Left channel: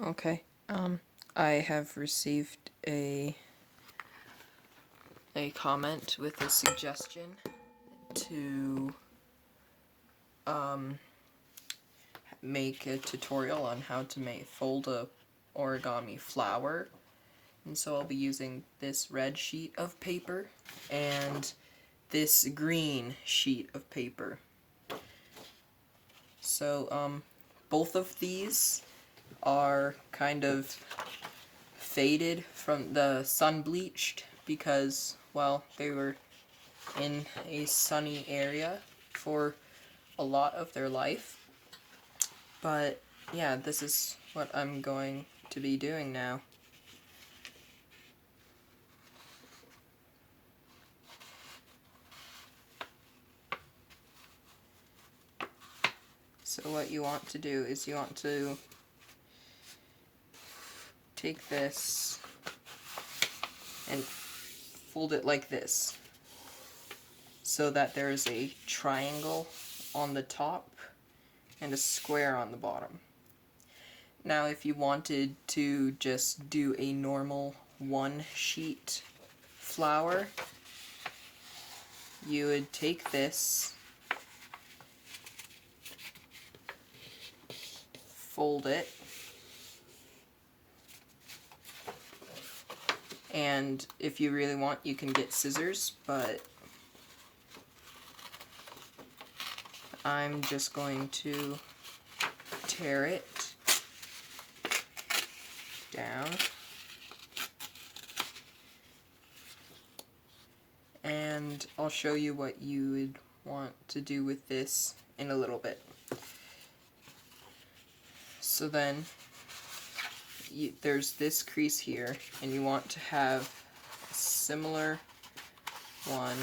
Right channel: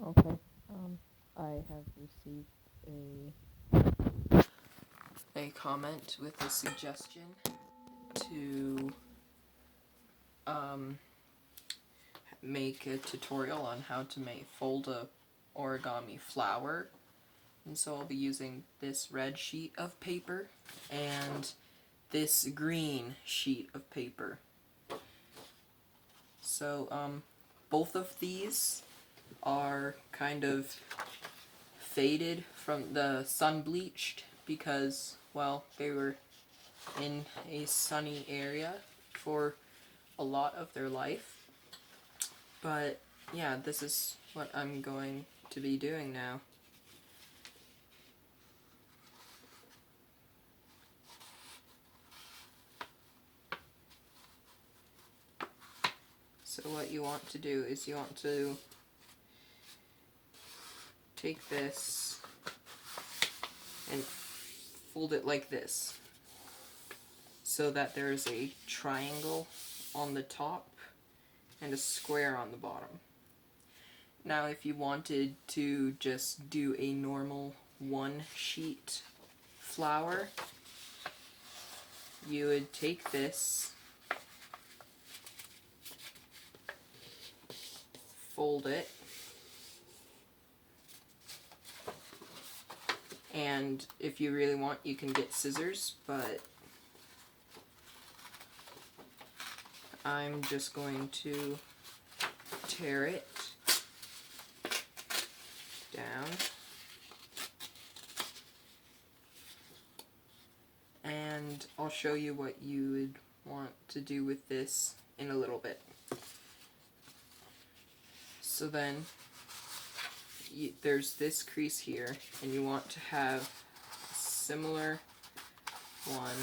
Okay. I have received a comment with a suggestion to um, make a tutorial on how to fold a origami flower. And so I'll be using this red sheet of paper and this green sheet of paper. So both of these are kind of faded from the sun bleached because, well, they were in a sunny area for a lot of their life. But yeah, this is what I'm going to be doing now. So what you want to do is you want to take this and fold it like this so that there is a triangle on the top and a square on the bottom. Now if you wanted to just do a normal one sheet flower, you would take this, fold it, and if you really want you can get scissors, but I'm just going to tear it down and I'll show you what you would want to do with this in a little bit. So then there's this crease here and you want to have a similar one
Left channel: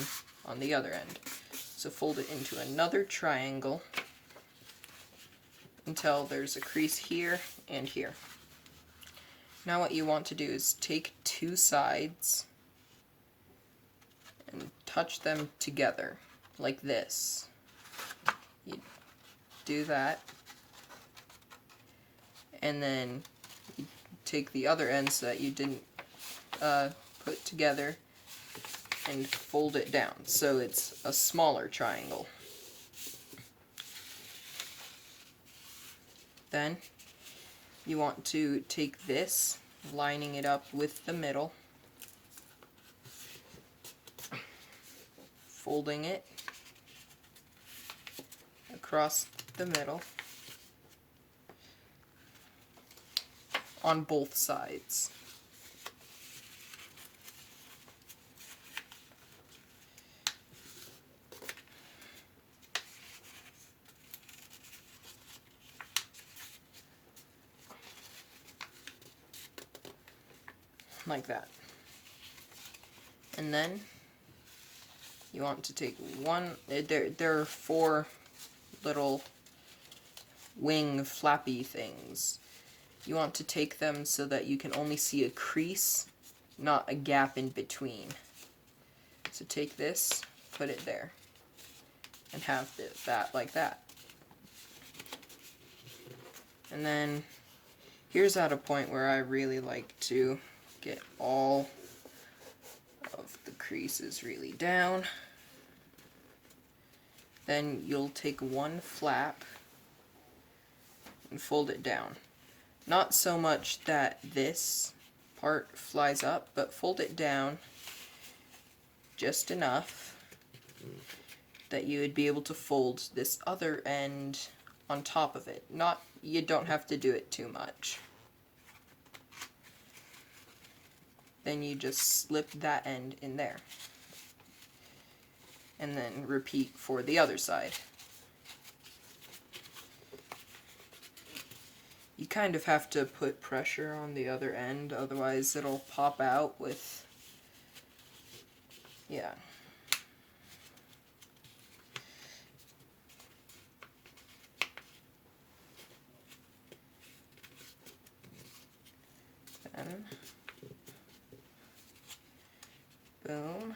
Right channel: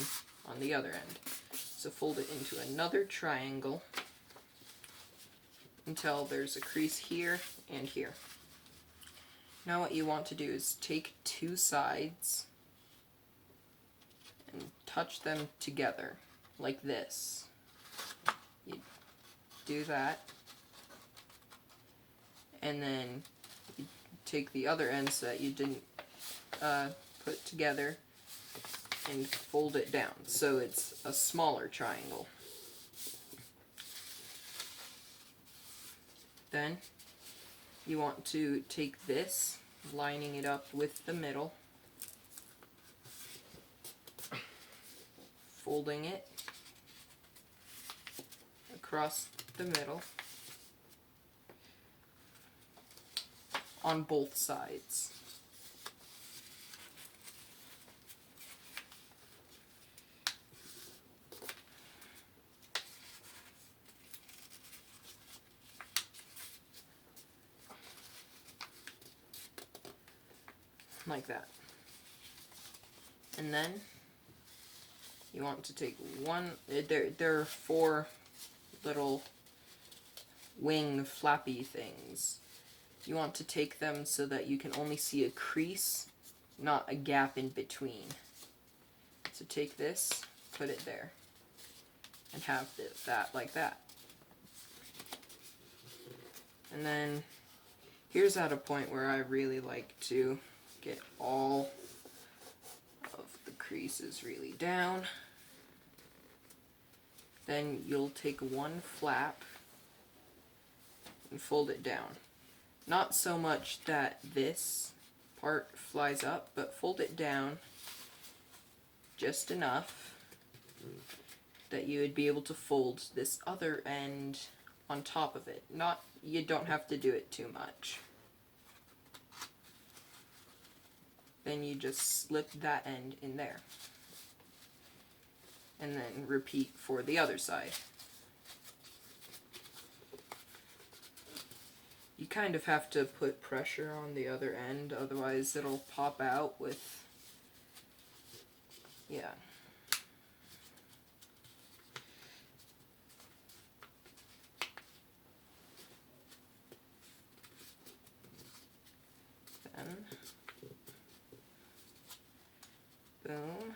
on the other end. So fold it into another triangle until there's a crease here and here. Now what you want to do is take two sides and touch them together like this. You do that, and then you take the other ends that you didn't put together and fold it down so it's a smaller triangle. Then you want to take this, lining it up with the middle, folding it across the middle on both sides. Like that. And then you want to take one, there are four little wing flappy things. You want to take them so that you can only see a crease, not a gap in between. So take this, put it there, and have that like that. And then here's at a point where I really like to get all of the creases really down. Then you'll take one flap and fold it down. Not so much that this part flies up, but fold it down just enough that you would be able to fold this other end on top of it. You don't have to do it too much. Then you just slip that end in there. And then repeat for the other side. You kind of have to put pressure on the other end, otherwise it'll pop out with, yeah. Then, boom,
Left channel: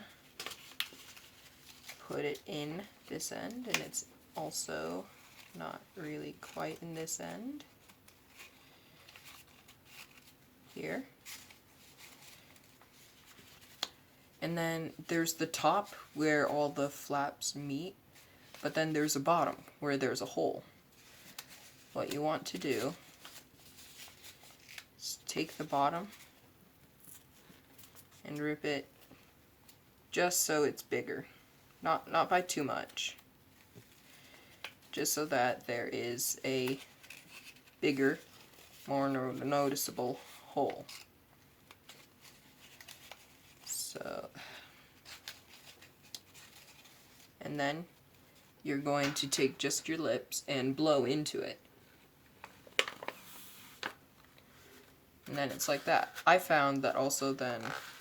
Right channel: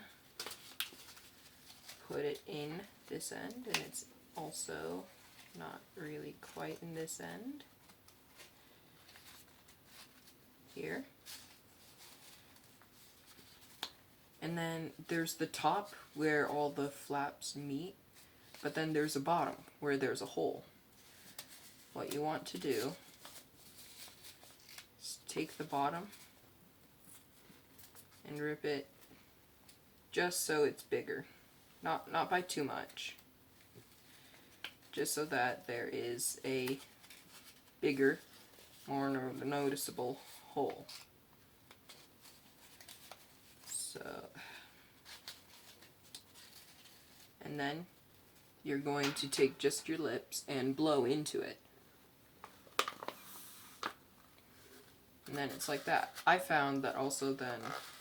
put it in this end, and it's also not really quite in this end. here. And then there's the top where all the flaps meet, but then there's a bottom where there's a hole. What you want to do is take the bottom and rip it just so it's bigger. Not by too much. Just so that there is a bigger, more noticeable hole. So, and then you're going to take just your lips and blow into it. And then it's like that. I found that also then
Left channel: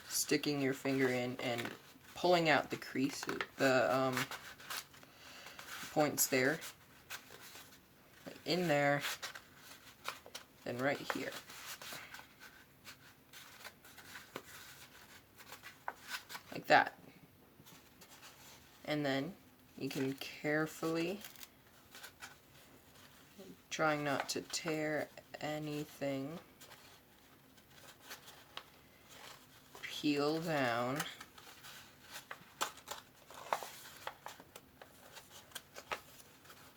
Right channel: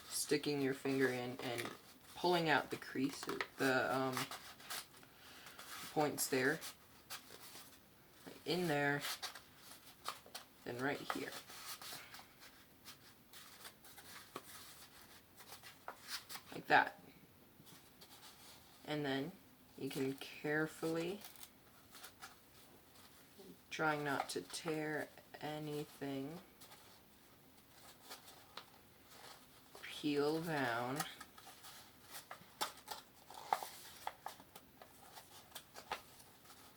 sticking your finger in and pulling out the crease, the points there, like in there, then right here. Like that. And then you can carefully, trying not to tear anything, peel down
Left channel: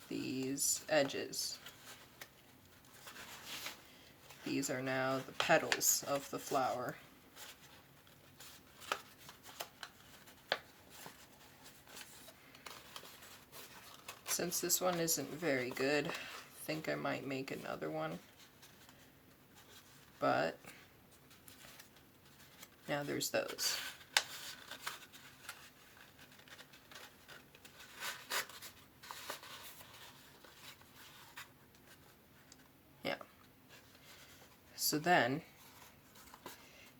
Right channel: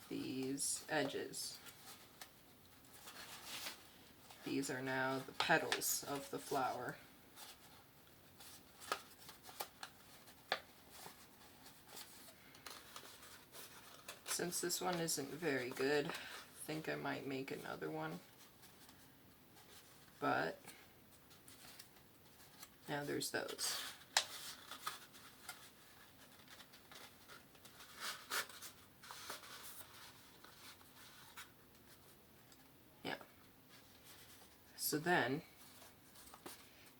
these edges. These are now the petals of the flower. Since this one isn't very good, I think I might make another one. But now there's those. Yeah. So then,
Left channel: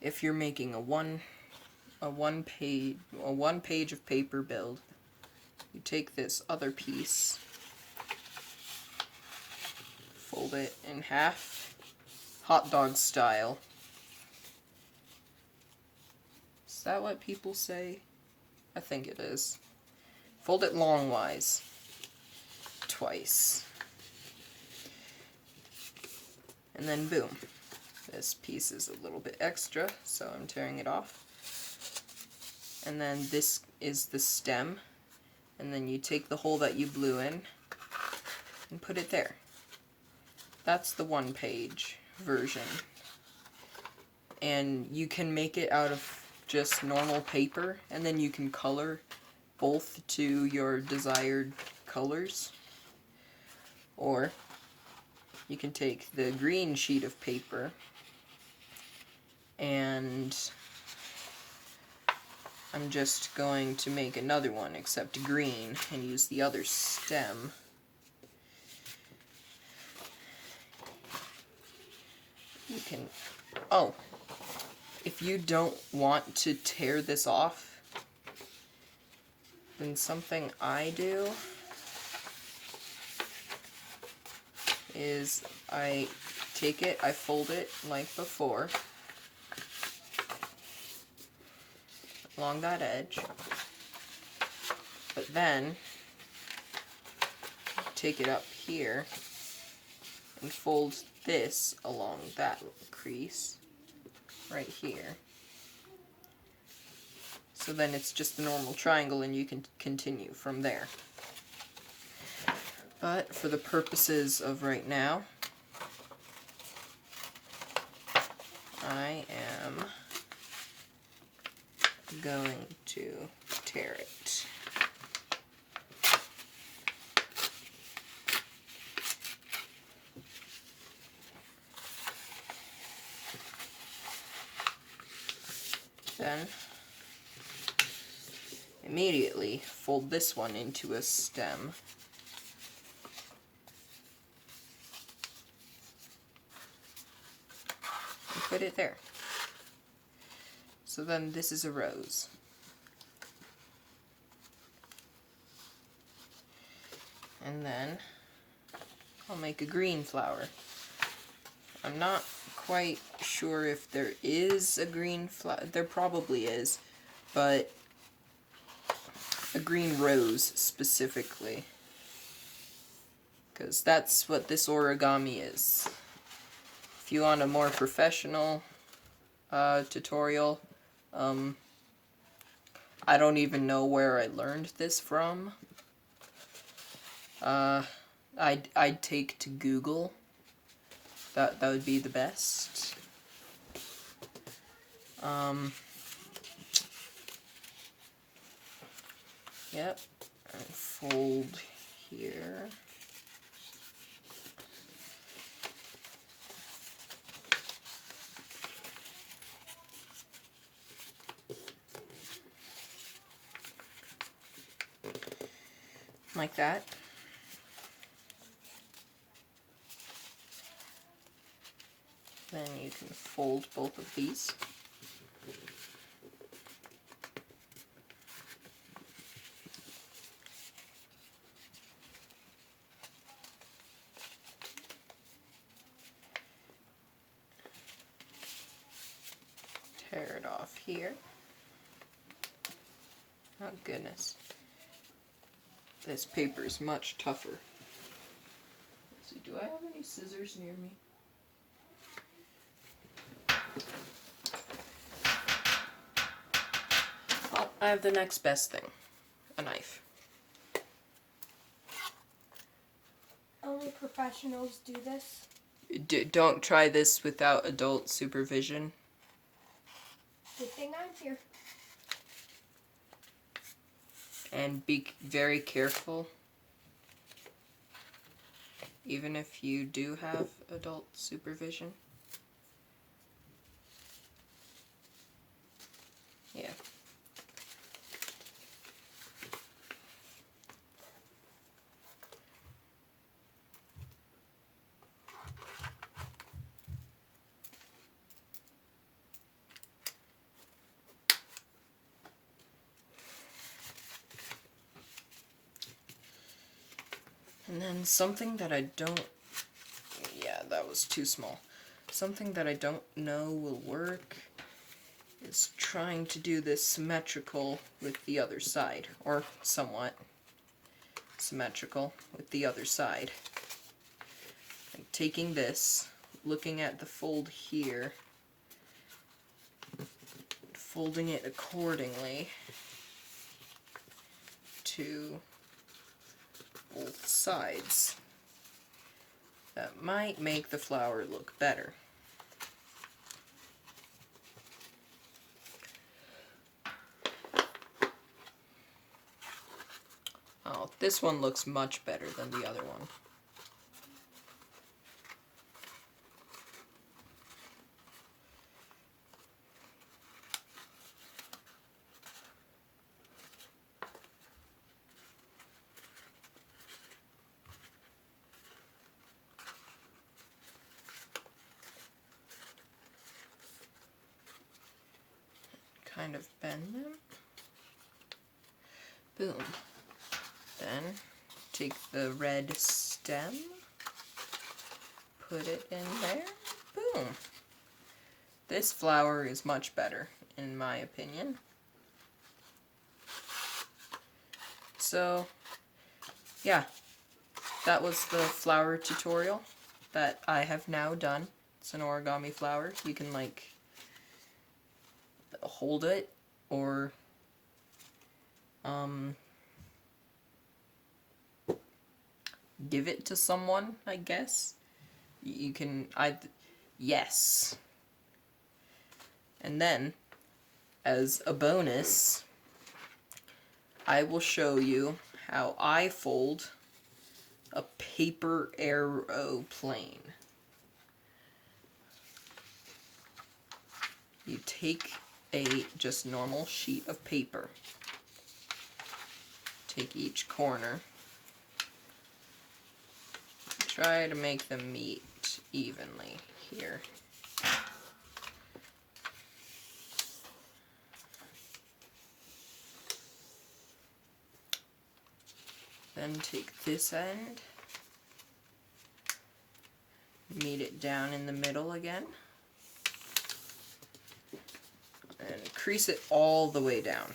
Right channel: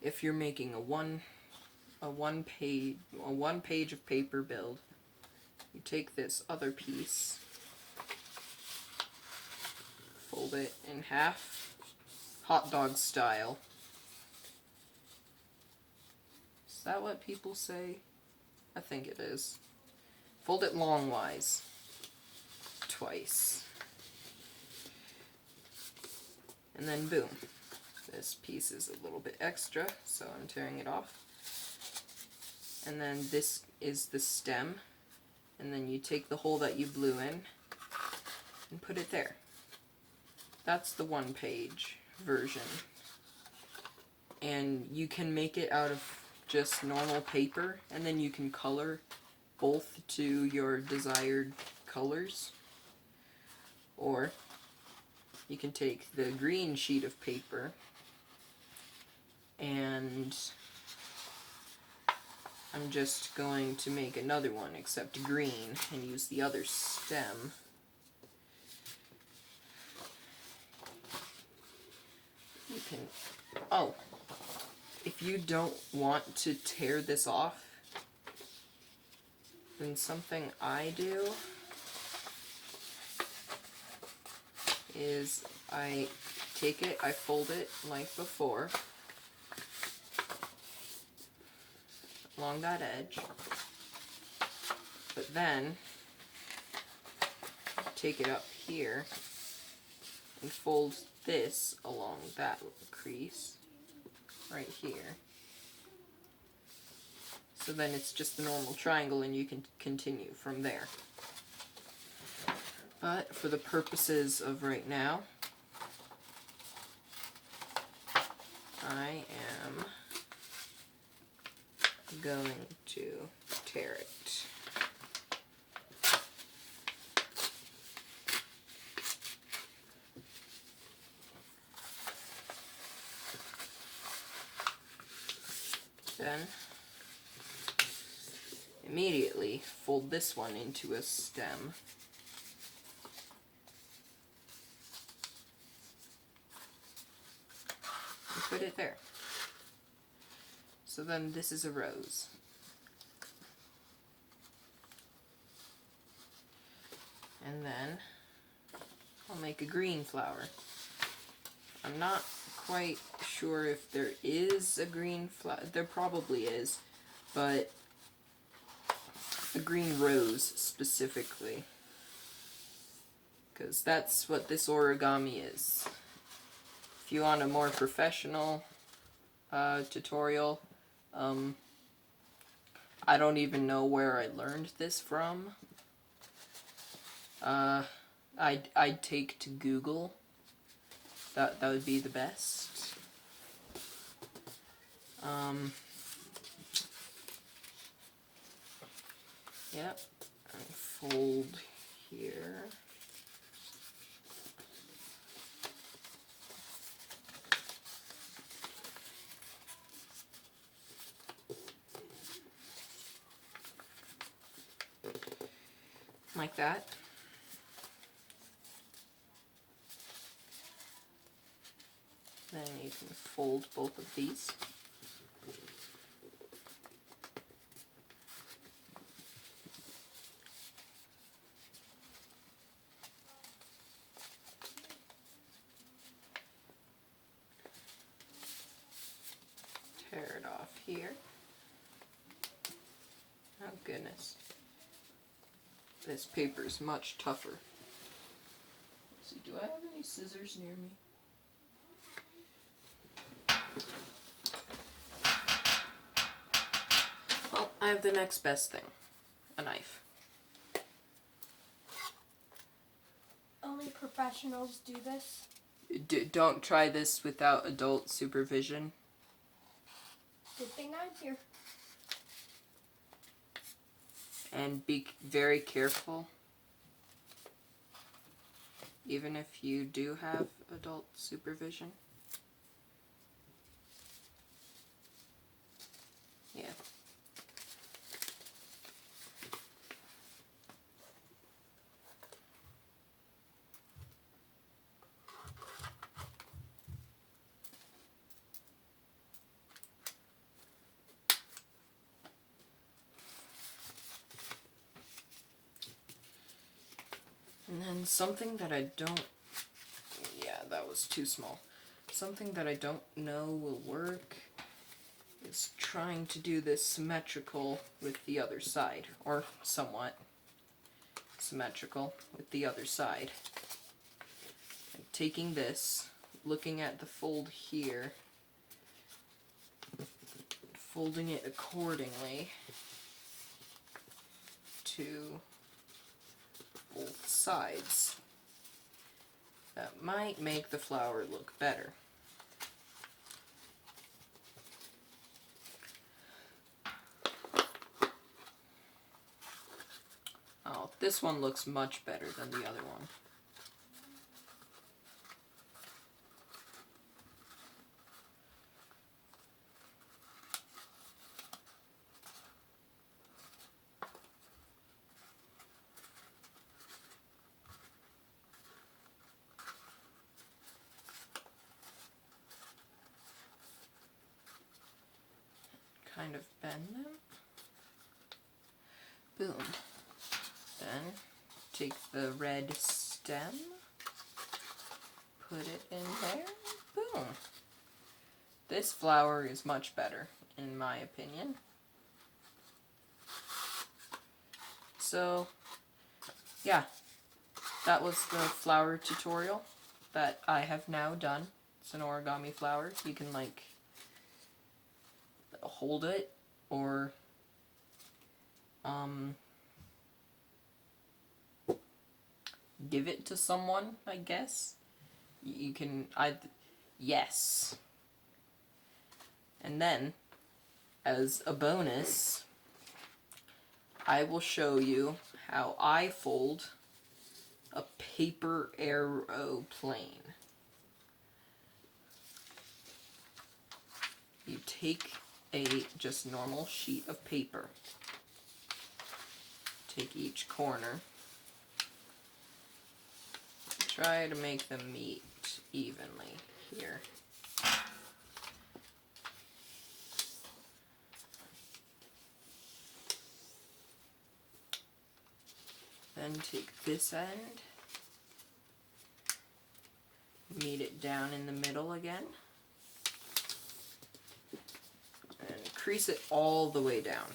if you're making a one page of paper build, you take this other piece, fold it in half, hot dog style. Is that what people say? I think it is. Fold it longwise, twice. And then boom. This piece is a little bit extra, so I'm tearing it off. And then this is the stem. And then you take the hole that you blew in and put it there. That's the one-page version. And you can make it out of just normal paper, and then you can color both to your desired colors. Or you can take the green sheet of paper and I'm just going to make another one except green and use the other stem. You can, oh, if you don't want to tear this off, then something I do is I take it, I fold it like before, along that edge, but then take it up here and fold this along that crease right here. So then it's just a normal triangle and you can continue from there. But for the purposes of right now, I am going to tear it. Then immediately fold this one into a stem. And put it there. So then this is a rose. And then I'll make a green flower. I'm not quite sure if there is a green flower. There probably is, but a green rose specifically. Because that's what this origami is. If you want a more professional tutorial. I don't even know where I learned this from. I'd take to Google. That would be the best. Yep. And fold here. Like that. Then you can fold both of these. Tear it off here. Oh goodness. This paper is much tougher. Let's see, do I have any scissors near me? Well, I have the next best thing. A knife. Only professionals do this. Don't try this without adult supervision. Good thing I'm here. And be very careful. Even if you do have adult supervision. Yeah. And then something that I don't... Yeah, that was too small. Something that I don't know will work is trying to do this symmetrical with the other side. Or somewhat symmetrical with the other side. And taking this, looking at the fold here, folding it accordingly to both sides. That might make the flower look better. Oh, this one looks much better than the other one. Kind of bend them. Boom. Then take the red stem, put it in there. Boom. This flower is much better, in my opinion. So, yeah, that was the flower tutorial that I have now done. It's an origami flower. You can, like, hold it or give it to someone, I guess. You can yes. And then, as a bonus, I will show you how I fold a paper aeroplane. You take a just normal sheet of paper. Take each corner. Try to make them meet evenly here. Then take this end, meet it down in the middle again, and crease it all the way down.